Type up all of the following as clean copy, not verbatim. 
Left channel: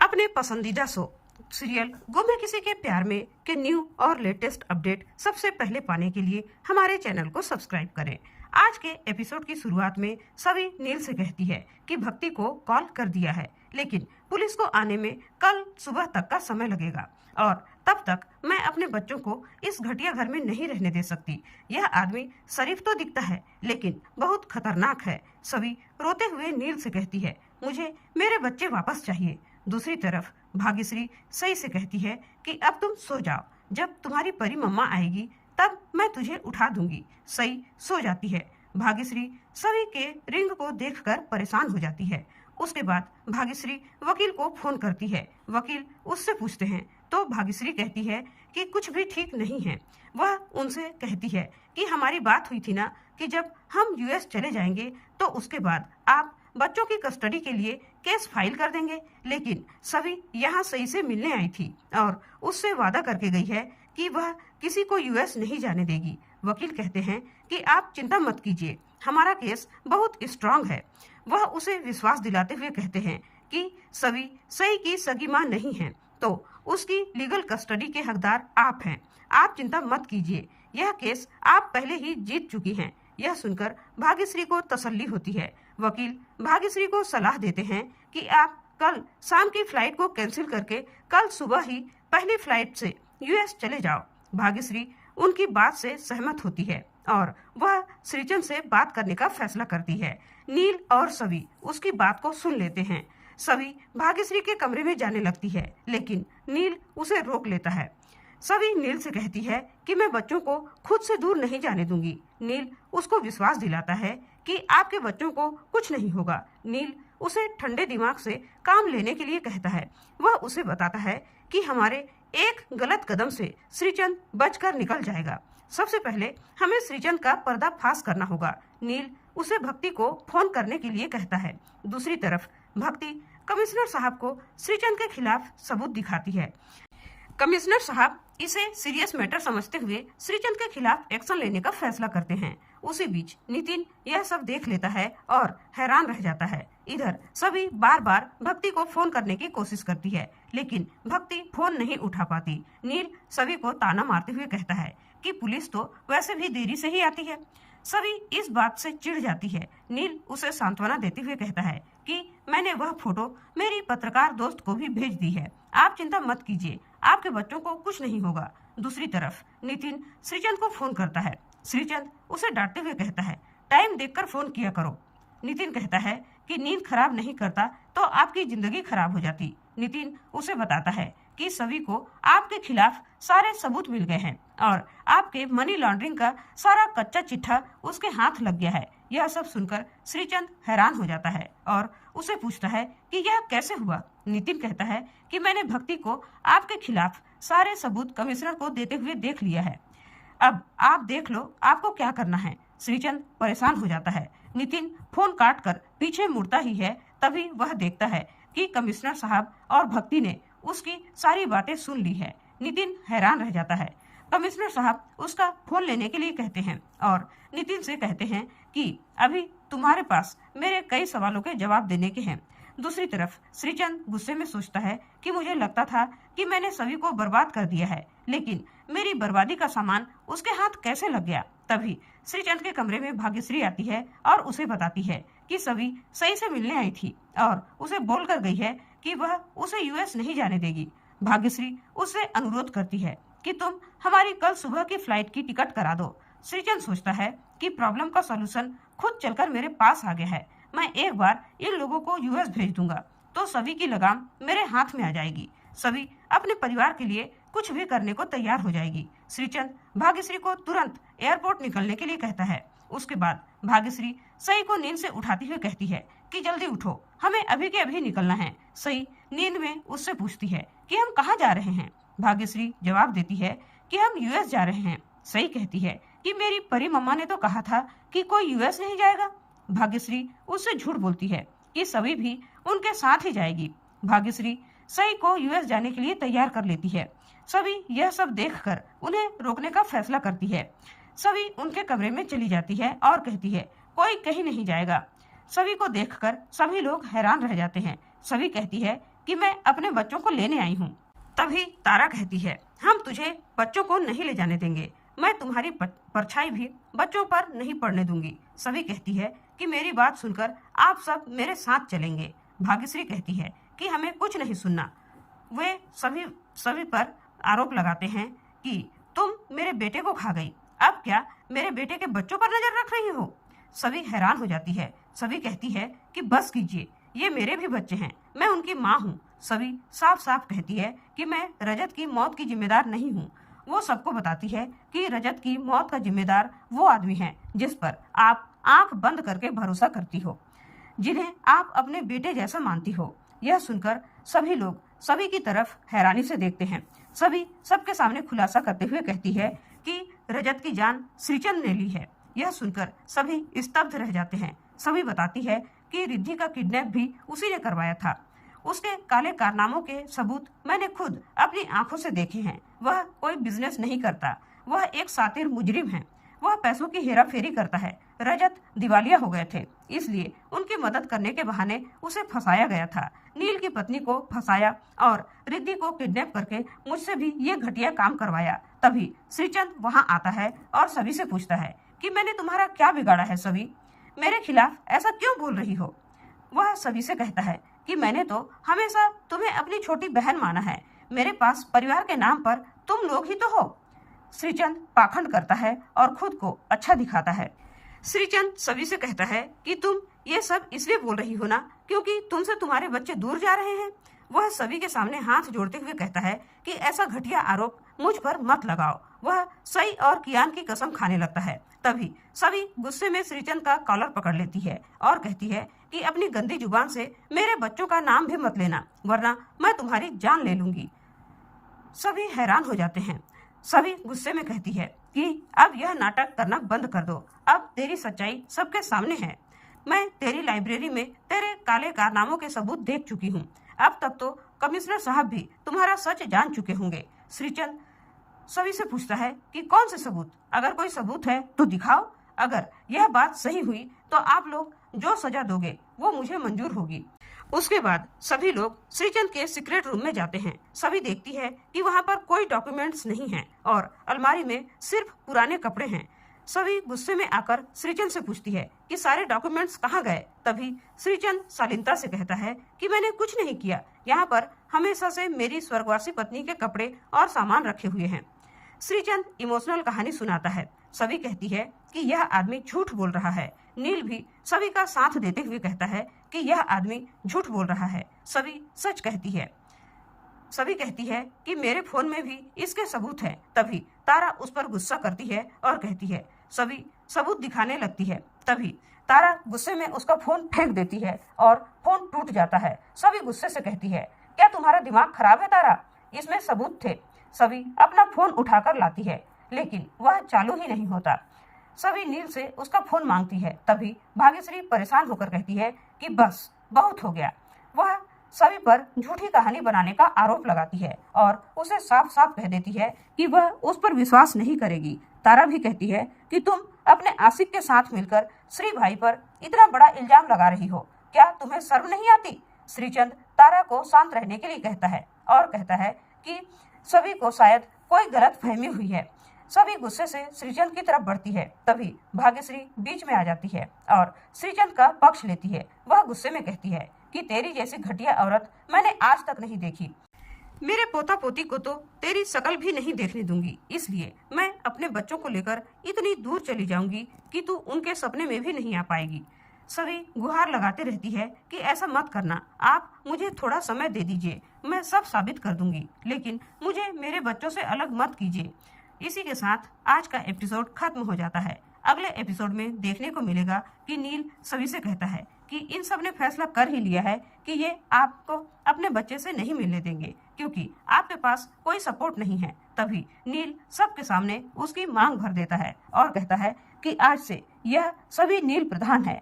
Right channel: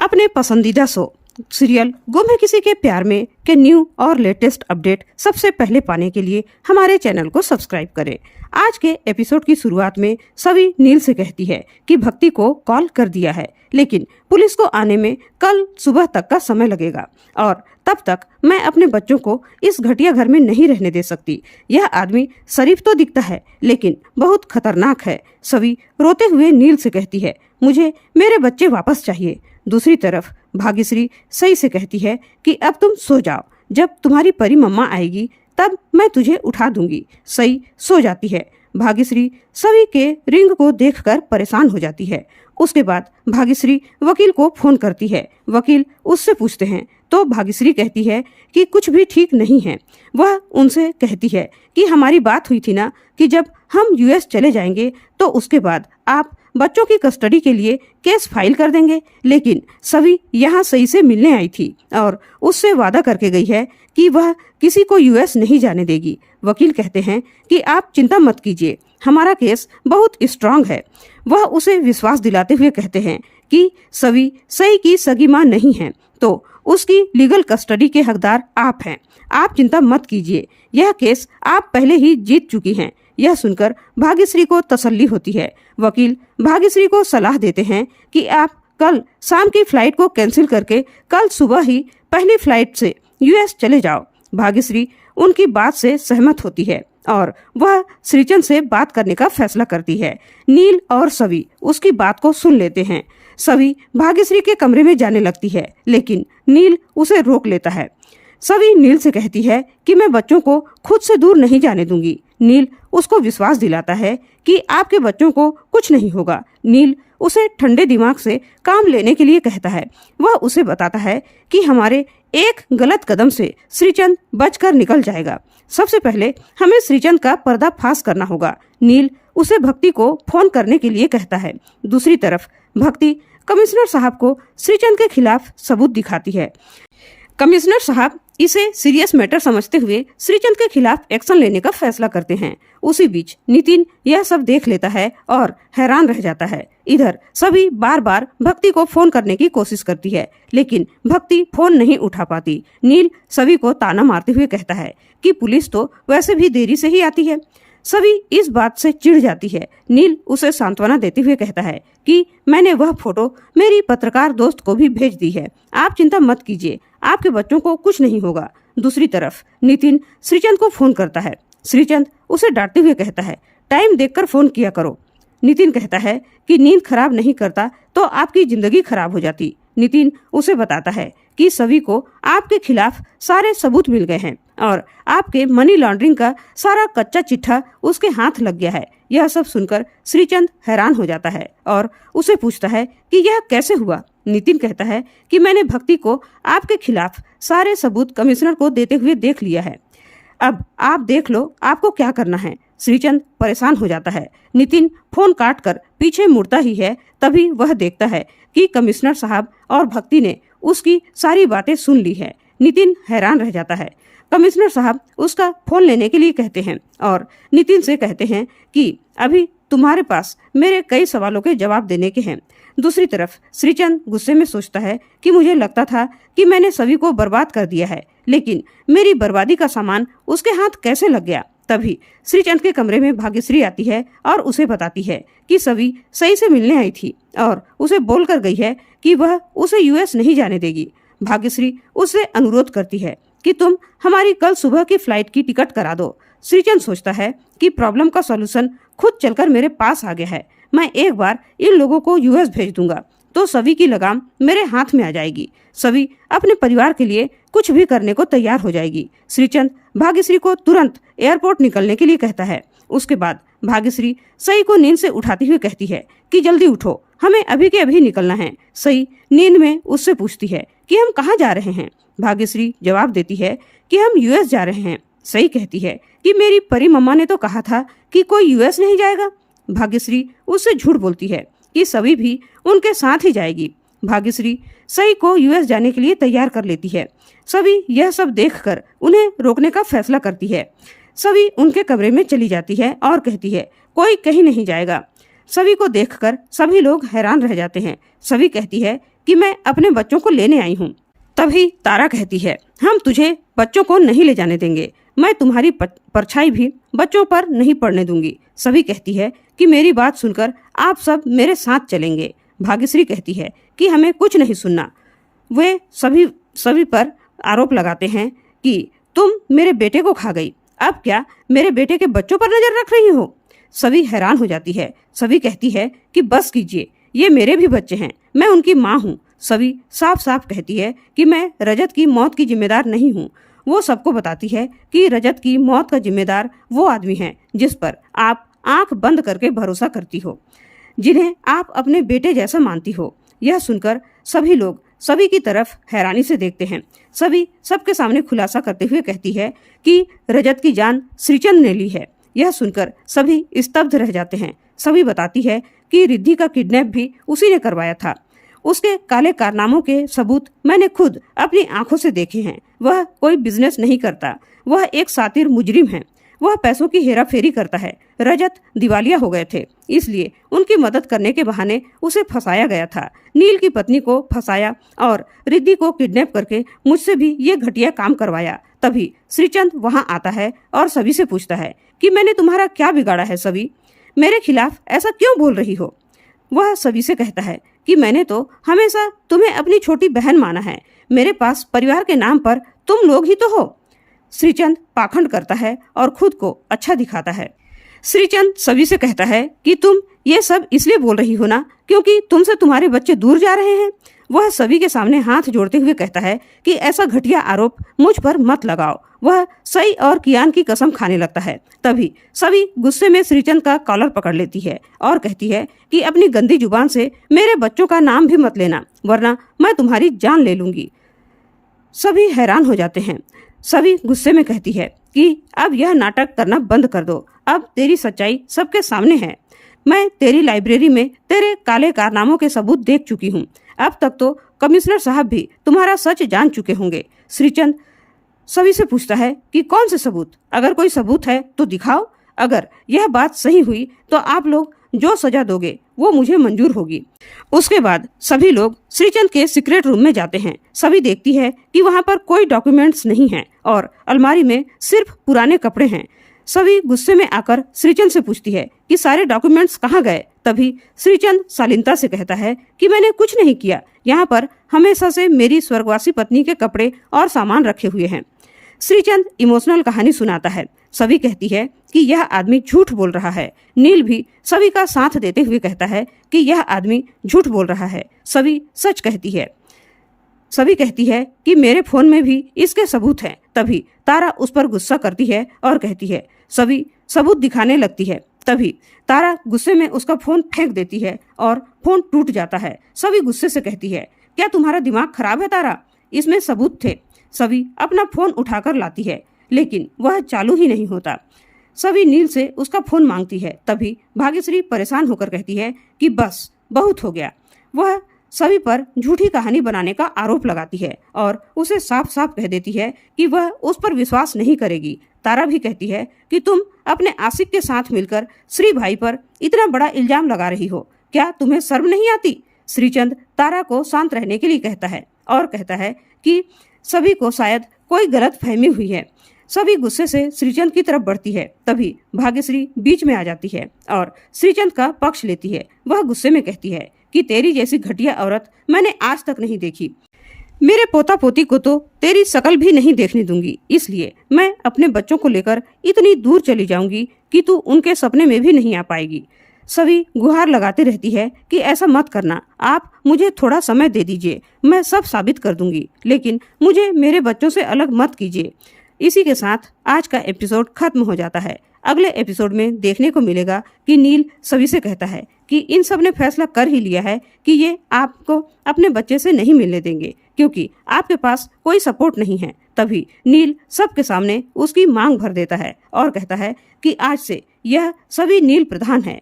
अपने पसंदीदा show serial गुम है किसी के प्यार में के न्यू और लेटेस्ट अपडेट सबसे पहले पाने के लिए हमारे चैनल को सब्सक्राइब करें। आज के एपिसोड की शुरुआत में सभी नील से कहती है कि भक्ति को कॉल कर दिया है, लेकिन पुलिस को आने में कल सुबह तक का समय लगेगा और तब तक मैं अपने बच्चों को इस घटिया घर में नहीं रहने दे सकती। यह आदमी शरीफ तो दिखता है लेकिन बहुत खतरनाक है। सभी रोते हुए नील से कहती है, मुझे मेरे बच्चे वापस चाहिए। दूसरी तरफ भाग्यश्री सही से कहती है कि अब तुम सो जाओ, जब तुम्हारी परी मम्मा आएगी तब मैं तुझे उठा दूंगी। सही सो जाती है। भाग्यश्री सभी के रिंग को देखकर परेशान हो जाती है। उसके बाद भाग्यश्री वकील को फोन करती है। वकील उससे पूछते हैं तो भाग्यश्री कहती है कि कुछ भी ठीक नहीं है। वह उनसे कहती है कि हमारी बात हुई थी ना कि जब हम यूएस चले जाएंगे तो उसके बाद आप बच्चों की कस्टडी के लिए केस फाइल कर देंगे। लेकिन सभी यहाँ सही से मिलने आई थी और उससे वादा करके गई है कि वह किसी को यूएस नहीं जाने देगी। वकील कहते हैं कि आप चिंता मत कीजिए, हमारा केस बहुत स्ट्रांग है। वह उसे विश्वास दिलाते हुए कहते हैं कि सभी सही की सगी मां नहीं है तो उसकी लीगल कस्टडी के हकदार आप हैं। आप चिंता मत कीजिए, यह केस आप पहले ही जीत चुकी हैं। यह सुनकर भाग्यश्री को तसल्ली होती है। वकील भाग्यश्री को सलाह देते हैं कि आप कल शाम की फ्लाइट को कैंसिल करके कल सुबह ही पहली फ्लाइट से यूएस चले जाओ। भाग्यश्री उनकी बात से सहमत होती है और वह श्रीचंद से बात करने का फैसला करती है। नील और सभी उसकी बात को सुन लेते हैं। सभी भाग्यश्री के कमरे में जाने लगती है, लेकिन नील उसे रोक लेता है। सभी नील से कहती है कि मैं बच्चों को खुद से दूर नहीं जाने दूंगी। नील उसको विश्वास दिलाता है कि आपके बच्चों को कुछ नहीं होगा। नील उसे ठंडे दिमाग से काम लेने के लिए कहता है। वह उसे बताता है कि हमारे एक गलत कदम से श्रीचंद बचकर निकल जाएगा। सबसे पहले हमें श्रीचंद का पर्दाफाश करना होगा। नील उसे भक्ति को फोन करने के लिए कहता है। दूसरी तरफ भक्ति कमिश्नर साहब को श्रीचंद के खिलाफ सबूत दिखाती है। कमिश्नर साहब इसे सीरियस मैटर समझते हुए श्रीचंद के खिलाफ एक्शन लेने का फैसला करते हैं। उसी बीच नितिन यह सब देख लेता है और हैरान रह जाता है। इधर सभी बार बार भक्ति को फोन करने की कोशिश करती है, लेकिन भक्ति फोन नहीं उठा पाती। नील सभी को ताना मारते हुए कहता है कि पुलिस तो वैसे भी देरी से ही आती है। सभी इस बात से चिढ़ जाती है। नील उसे सांत्वना देते हुए कहता है कि मैंने वह फोटो मेरी पत्रकार दोस्त को भी भेज दी है, आप चिंता मत कीजिए, आपके बच्चों को कुछ नहीं होगा। दूसरी तरफ नितिन श्रीचंद को फोन करता है। श्रीचंद उसे डांटते हुए कहता है, टाइम देखकर फोन किया करो। नितिन कहता है कि नींद खराब नहीं करता तो आपकी जिंदगी खराब हो जाती। नितिन उसे बताता है कि सभी को आपके खिलाफ सारे सबूत मिल गए हैं और आपके मनी लॉन्ड्रिंग का सारा कच्चा चिट्ठा उसके हाथ लग गया है। यह सब सुनकर श्रीचंद हैरान हो जाता है और उसे पूछता है कि यह कैसे हुआ। नितिन कहता है कि मैंने भक्ति को आपके खिलाफ सारे सबूत कमिश्नर को देते हुए देख लिया है, अब आप देख लो आपको क्या करना है। श्रीचंद परेशान हो जाता है। नितिन फोन काट कर पीछे मुड़ता ही है, तभी वह देखता है कि कमिश्नर साहब और भक्ति ने उसकी सारी बातें सुन ली है। नितिन हैरान रह जाता है। कमिश्नर साहब उसका फोन लेने के लिए कहते हैं और नितिन से कहते हैं कि अभी तुम्हारे पास मेरे कई सवालों के जवाब देने के हैं। दूसरी तरफ श्रीचंद गुस्से में सोचता है कि मुझे लगता था कि मैंने सभी को बर्बाद कर दिया है, लेकिन मेरी बर्बादी का सामान उसके हाथ कैसे लग गया। तभी श्रीचंद के कमरे में भाग्यश्री आती है और उसे बताती है कि सभी सही से मिलने आई थी और उसे बोलकर गई है कि वह उसे यूएस नहीं जाने देगी। भाग्यश्री उससे अनुरोध करती है कि तुम हमारी कल सुबह की फ्लाइट की टिकट करा दो। श्रीचंद सोचता है कि प्रॉब्लम का सॉल्यूशन खुद चलकर मेरे पास आ गया है। मैं एक बार इन लोगों को यूएस भेज दूंगा तो सभी की लगाम मेरे हाथ में आ जाएगी। सभी अपने परिवार के लिए कुछ भी करने को तैयार हो जाएगी। श्रीचंद भाग्यश्री को तुरंत एयरपोर्ट निकलने के लिए कहता है। उसके बाद भाग्यश्री सई को नींद से उठाती हुई कहती है कि जल्दी उठो, हमें अभी के अभी निकलना है। सई नींद में उससे पूछती है कि हम कहाँ जा रहे हैं। भाग्यश्री जवाब देती है कि हम यूएस जा रहे हैं। सई कहती है कि मेरी परी मम्मा ने तो कहा था कि कोई यूएस नहीं जाएगा। भाग्यश्री उससे झूठ बोलती है कि सभी भी उनके साथ ही जाएगी। भाग्यश्री सई को यूएस जाने के लिए तैयार कर लेती है। सभी यह सब देखकर उन्हें रोकने का फैसला करती है। सभी उनके कमरे में चली जाती है और कहती है कोई कहीं नहीं जाएगा। सभी को देखकर सभी लोग हैरान रह जाते हैं। सभी कहती है कि मैं अपने बच्चों को लेने आई हूँ। तभी तारा कहती है, हम तुझे बच्चों को नहीं ले जाने देंगे, मैं तुम्हारी परछाई भी बच्चों पर नहीं पड़ने दूंगी। सभी कहती है कि मेरी बात सुनकर आप सब मेरे साथ चलेंगे। भाग्यश्री कहती है कि हमें कुछ नहीं सुनना। वे सभी पर आरोप लगाते हैं कि तुम मेरे बेटे को खा गई, अब क्या मेरे बेटे के बच्चों पर नजर रख रही हो। सभी हैरान हो जाती है। सभी कहती है कि बस कीजिए, ये मेरे भी बच्चे हैं, मैं उनकी माँ हूँ। सभी साफ साफ कहती है कि मैं रजत की मौत की जिम्मेदार नहीं हूँ। वो सबको बताती है कि रजत की मौत का जिम्मेदार वो आदमी है जिस पर आप आंख बंद करके भरोसा करती हो, जिन्हें आप अपने बेटे जैसा मानती हो। यह सुनकर सभी लोग सभी की तरफ हैरानी से देखते हैं। सभी सबके सामने खुलासा करते हुए कहती है कि रजत की जान श्रीचंद ने ली है। यह सुनकर सभी स्तब्ध रह जाते हैं। सभी बताती है कि रिद्धि का किडनैप भी उसी ने करवाया था। उसके काले कारनामों के सबूत मैंने खुद अपनी आंखों से देखे हैं। वह कोई बिजनेस नहीं करता, वह एक सातिर मुजरिम है। वह पैसों की हेरा फेरी करता है। रजत दिवालिया हो गए थे, इसलिए उनकी मदद करने के बहाने उसे फंसाया गया था। नील की पत्नी को फंसाया और रिद्धि को किडनैप करके मुझसे भी ये घटिया काम करवाया। तभी श्रीचंद वहाँ आता है और सभी से पूछता है कि मैंने तुम्हारा क्या बिगाड़ा है सभी, मेरे खिलाफ ऐसा क्यों बोल रही हो। वह सभी से कहता है कि मैंने तो हमेशा तुम्हें अपनी छोटी बहन माना है, मेरे पास परिवार के नाम पर तुम लोग ही तो हो। श्रीचंद पाखंड करता है और खुद को अच्छा दिखाता है। श्रीचंद सभी से कहता है कि तुम ये सब इसलिए बोल रही हो ना क्योंकि तुमसे तुम्हारे बच्चे दूर जा रहे हैं। वह सभी के सामने हाथ जोड़ते हुए कहता है कि ऐसा घटिया आरोप मुझ पर मत लगाओ। वह सई और कियान की कसम खाने लगता है। तभी सभी गुस्से में श्रीचंद का कॉलर पकड़ लेती है और कहती है कि अपनी गंदी जुबान से मेरे बच्चों का नाम भी मत लेना, वरना मैं तुम्हारी जान ले लूंगी। सभी हैरान हो जाते हैं। सभी गुस्से में कहती है कि अब यह नाटक करना बंद कर दो, अब तेरी सच्चाई सबके सामने है। मैं तेरी लाइब्रेरी में तेरे काले कारनामों के सबूत देख चुकी हूँ। अब तक तो कमिश्नर साहब भी तुम्हारा सच जान चुके होंगे। श्रीचंद सभी से पूछता है कि कौन से सबूत, अगर कोई सबूत है तो दिखाओ। अगर यह बात सही हुई तो आप लोग जो सजा दोगे वो मुझे मंजूर होगी। उसके बाद सभी लोग श्रीचंद के सीक्रेट रूम में जाते हैं। सभी देखती है कि वहाँ पर कोई डॉक्यूमेंट्स नहीं हैं और अलमारी में सिर्फ पुराने कपड़े हैं। सभी गुस्से में आकर श्रीचंद से पूछती है कि सारे डॉक्यूमेंट्स कहाँ गए। तभी श्रीचंद शालीनता से कहता है कि मैंने कुछ नहीं किया, यहाँ पर हमेशा से मेरी स्वर्गवासी पत्नी के कपड़े और सामान रखे हुए हैं। श्रीचंद इमोशनल कहानी सुनाता है। सभी कहती है कि यह आदमी झूठ बोल रहा है। नील भी सभी का साथ देते हुए कहता है कि यह आदमी झूठ बोल रहा है। सभी सच कहती है। सभी कहती है कि मेरे फोन में भी इसके सबूत हैं। तभी तारा उस पर गुस्सा करती है और कहती है, सभी सबूत दिखाने लगती है। तभी तारा गुस्से में उसका फोन फेंक देती है और फोन टूट जाता है। सभी गुस्से से कहती है, क्या तुम्हारा दिमाग खराब है तारा, इसमें सबूत थे। सभी अपना फोन उठाकर लाती है लेकिन वह चालू ही नहीं होता। सभी नील से उसका फोन मांगती है। तभी भाग्यश्री परेशान होकर कहती है कि बस बहुत हो गया। वह सभी पर झूठी कहानी बनाने का आरोप लगाती है और उसे साफ साफ कह देती है कि वह उस पर विश्वास नहीं करेगी। तारा भी कहती है कि तुम अपने आशिक के साथ मिलकर श्री भाई पर इतना बड़ा इल्जाम लगा रही हो, क्या तुम्हें शर्म नहीं आती। श्रीचंद तारा को शांत रहने के लिए कहता है और कहता है कि सभी को शायद कोई गलत फहमी हुई है। सभी गुस्से से श्रीचंद की तरफ बढ़ती है। तभी भाग्यश्री बीच में आ जाती है और श्रीचंद का पक्ष लेती है। वह गुस्से में कहती है कि तेरी जैसी घटिया औरत मैंने आज तक नहीं देखी। मेरे पोता पोती को तो तेरी शकल भी नहीं देखने दूंगी, इसलिए मैं अपने बच्चों को लेकर इतनी दूर चली जाऊंगी कि तू उनके सपने में भी नहीं आ पाएगी। सभी गुहार लगाती रहती है कि ऐसा मत करना, आप मुझे थोड़ा समय दे दीजिए, मैं सब साबित कर दूंगी, लेकिन मुझे मेरे बच्चों से अलग मत कीजिए। इसी के साथ आज का एपिसोड खत्म हो जाता है। अगले एपिसोड में देखने को मिलेगा कि नील सभी से कहता है कि इन सब ने फैसला कर ही लिया है कि ये आपको अपने बच्चे से नहीं मिलने देंगे क्योंकि आपके पास कोई सपोर्ट नहीं है। तभी नील सबके सामने उसकी मांग भर देता है और कहता है कि आज से यह सभी नील प्रधान है।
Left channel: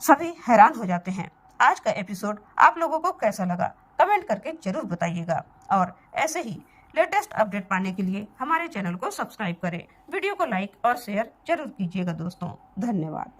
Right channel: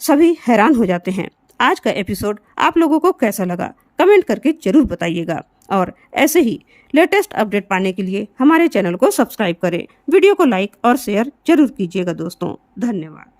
सभी हैरान हो जाते हैं। आज का एपिसोड आप लोगों को कैसा लगा कमेंट करके जरूर बताइएगा और ऐसे ही लेटेस्ट अपडेट पाने के लिए हमारे चैनल को सब्सक्राइब करें। वीडियो को लाइक और शेयर जरूर कीजिएगा दोस्तों। धन्यवाद।